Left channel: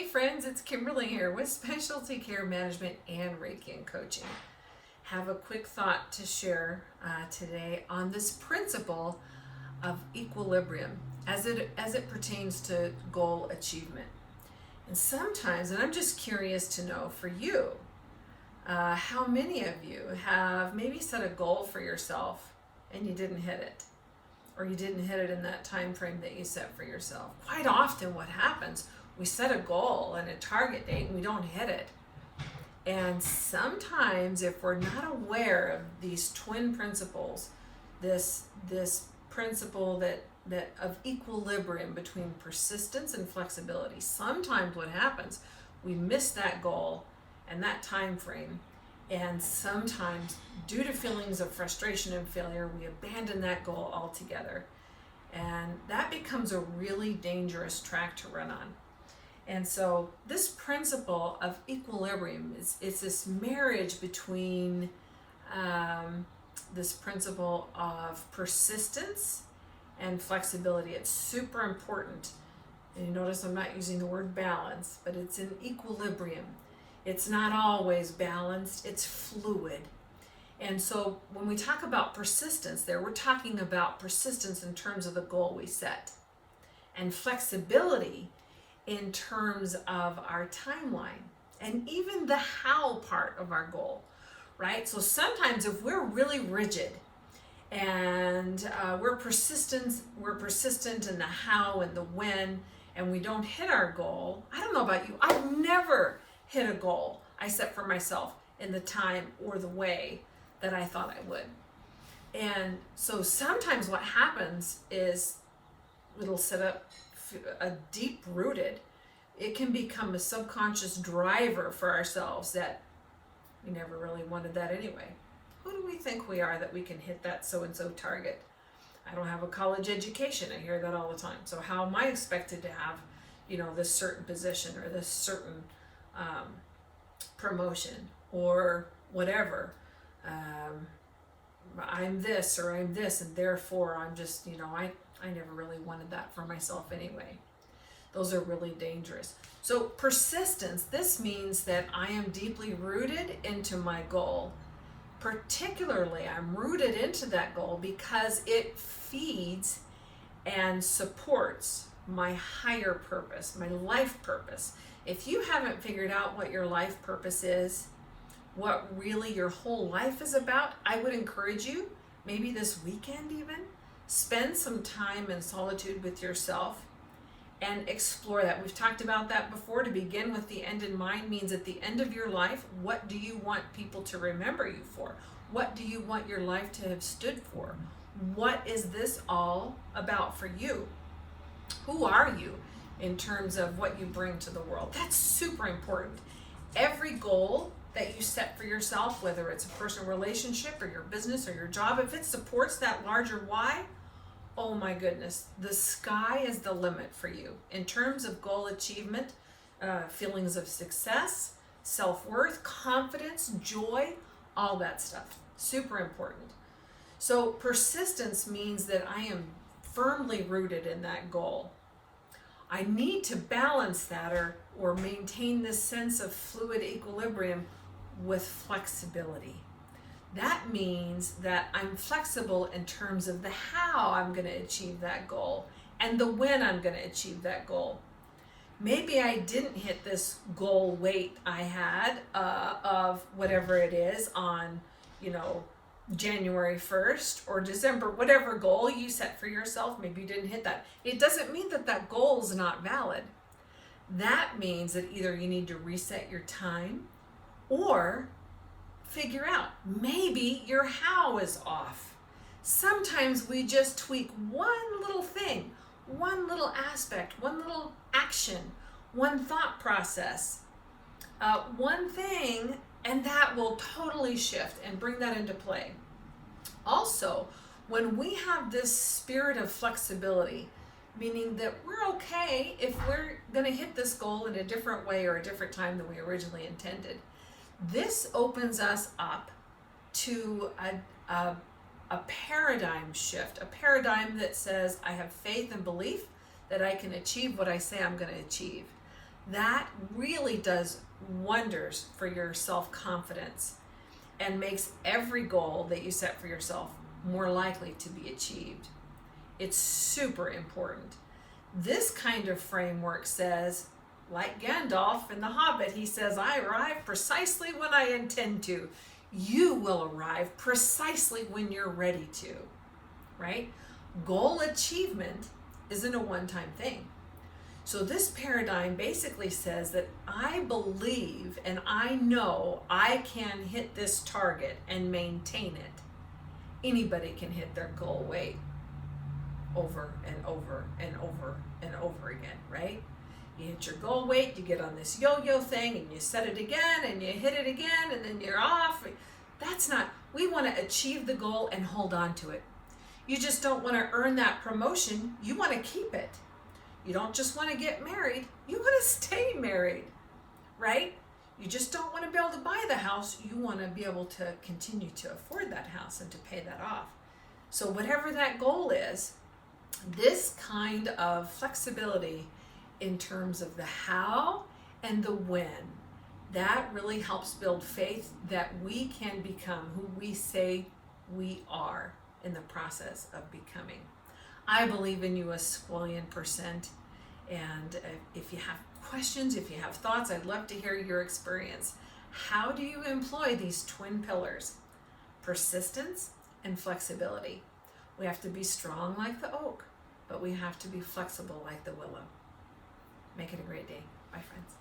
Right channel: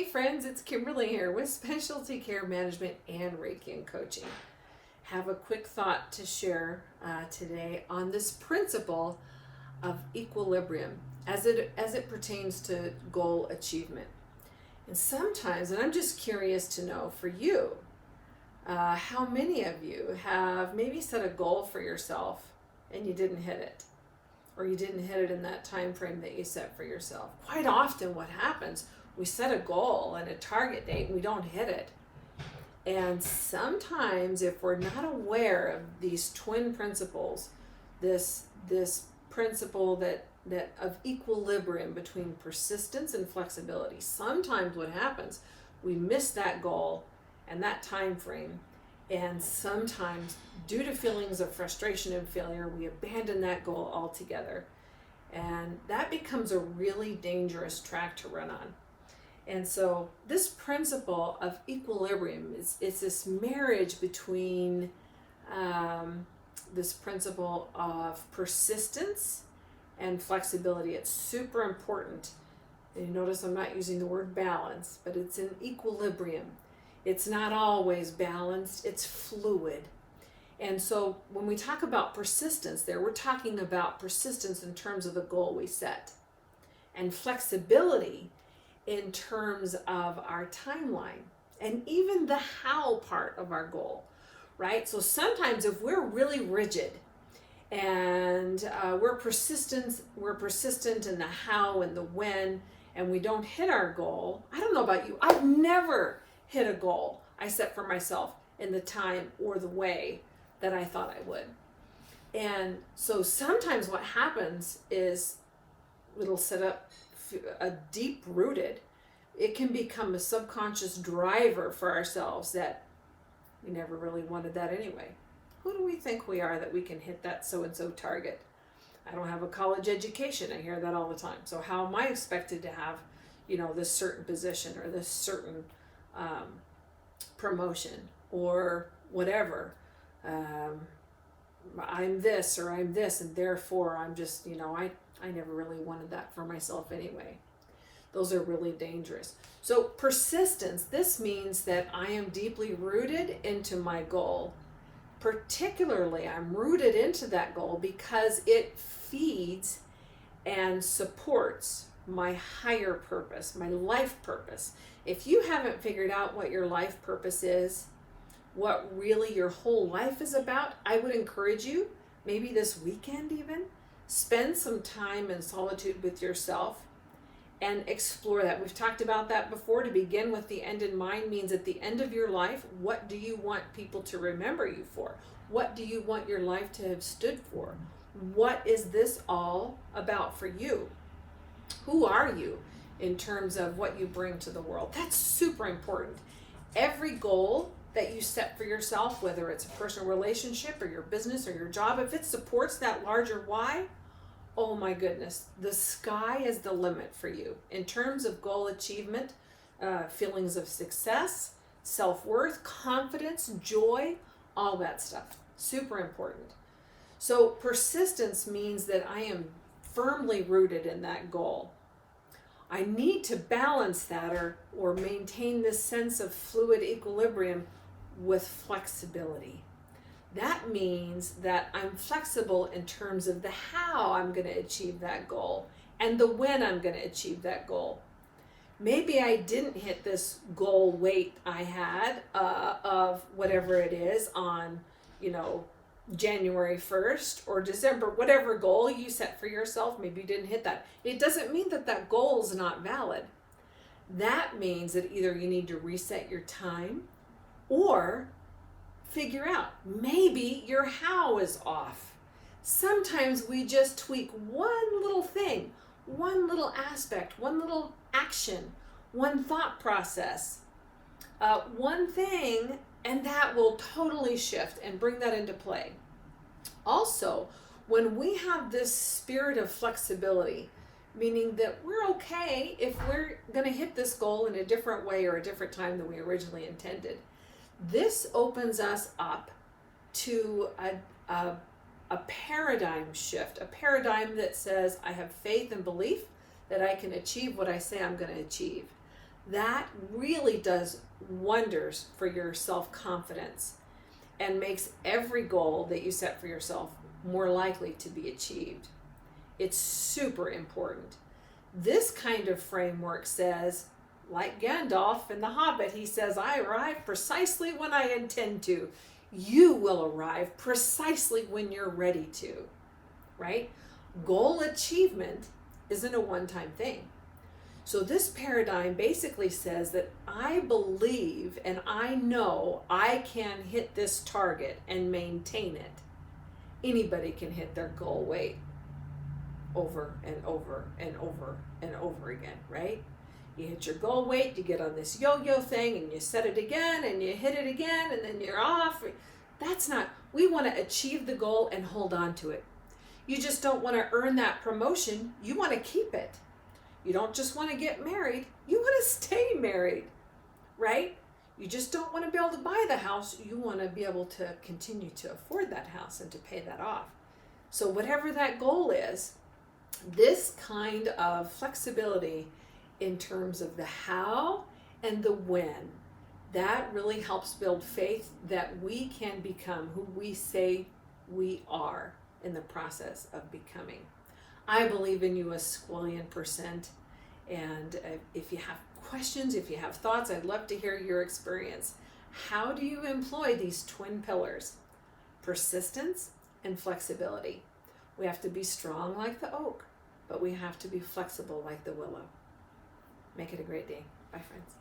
Hey friends, it's Kimberlee here with Specialty Care Management and Reiki and Coaching. Have a quick thought to share today on this principle of equilibrium as it pertains to goal achievement. And sometimes, and I'm just curious to know for you, how many of you have maybe set a goal for yourself and you didn't hit it, or you didn't hit it in that time frame that you set for yourself. Quite often what happens, we set a goal and a target date and we don't hit it. And sometimes if we're not aware of these twin principles, this principle that of equilibrium between persistence and flexibility, sometimes what happens, we miss that goal and that time frame, and sometimes due to feelings of frustration and failure, we abandon that goal altogether. And that becomes a really dangerous track to run on. And so this principle of equilibrium is this marriage between this principle of persistence and flexibility. It's super important. And you notice I'm not using the word balance, but it's an equilibrium. It's not always balanced, it's fluid. And so when we talk about persistence there, we're talking about persistence in terms of the goal we set, and flexibility in terms of our timeline and even the how part of our goal, right? So sometimes if we're really rigid and we're persistent in the how and the when, and we don't hit our goal, I don't know about you, I've never hit a goal I set for myself in the time or the way that I thought I would. And so sometimes what happens is it'll set up a deep rooted, it can become a subconscious driver for ourselves that we never really wanted that anyway. Who do we think we are that we can hit that so-and-so target? I don't have a college education. I hear that all the time. So how am I expected to have, this certain position or this certain promotion or whatever? I'm this or I'm this, and therefore I'm just, I never really wanted that for myself anyway. Those are really dangerous. So persistence, this means that I am deeply rooted into my goal. Particularly, I'm rooted into that goal because it feeds and supports my higher purpose, my life purpose. If you haven't figured out what your life purpose is, what really your whole life is about, I would encourage you, maybe this weekend even, spend some time in solitude with yourself and explore that. We've talked about that before. To begin with the end in mind means at the end of your life, what do you want people to remember you for? What do you want your life to have stood for? What is this all about for you? Who are you in terms of what you bring to the world? That's super important. Every goal that you set for yourself, whether it's a personal relationship or your business or your job, if it supports that larger why, oh my goodness, the sky is the limit for you in terms of goal achievement, feelings of success, self-worth, confidence, joy, all that stuff. Super important. So persistence means that I am firmly rooted in that goal. I need to balance that or maintain this sense of fluid equilibrium with flexibility. That means that I'm flexible in terms of the how I'm going to achieve that goal and the when I'm going to achieve that goal. Maybe I didn't hit this goal weight I had of whatever it is on, January 1st or December, whatever goal you set for yourself, maybe you didn't hit that. It doesn't mean that goal is not valid. That means that either you need to reset your time or figure out maybe your how is off. Sometimes we just tweak one little thing, one little aspect, one little action, one thought process, one thing, and that will totally shift and bring that into play. Also, when we have this spirit of flexibility, meaning that we're okay if we're going to hit this goal in a different way or a different time than we originally intended, this opens us up to a paradigm shift, a paradigm that says I have faith and belief that I can achieve what I say I'm going to achieve. that really does wonders for your self-confidence and makes every goal that you set for yourself more likely to be achieved. It's super important. This kind of framework says, like Gandalf in The Hobbit, he says, I arrive precisely when I intend to. You will arrive precisely when you're ready to, right? Goal achievement isn't a one-time thing. So this paradigm basically says that I believe and I know I can hit this target and maintain it. Anybody can hit their goal weight over and over and over and over again, right? You hit your goal weight, you get on this yo-yo thing and you set it again and you hit it again and then you're off. That's not, we want to achieve the goal and hold on to it. You just don't want to earn that promotion, you want to keep it. You don't just want to get married, you want to stay married, right? You just don't want to be able to buy the house, you want to be able to continue to afford that house and to pay that off. So whatever that goal is, this kind of flexibility in terms of the how and the when, that really helps build faith that we can become who we say we are in the process of becoming. I believe in you a squillion%. And if you have questions, if you have thoughts, I'd love to hear your experience. How do you employ these twin pillars? Persistence and flexibility. We have to be strong like the oak, but we have to be flexible like the willow. Make it a great day. Bye, friends.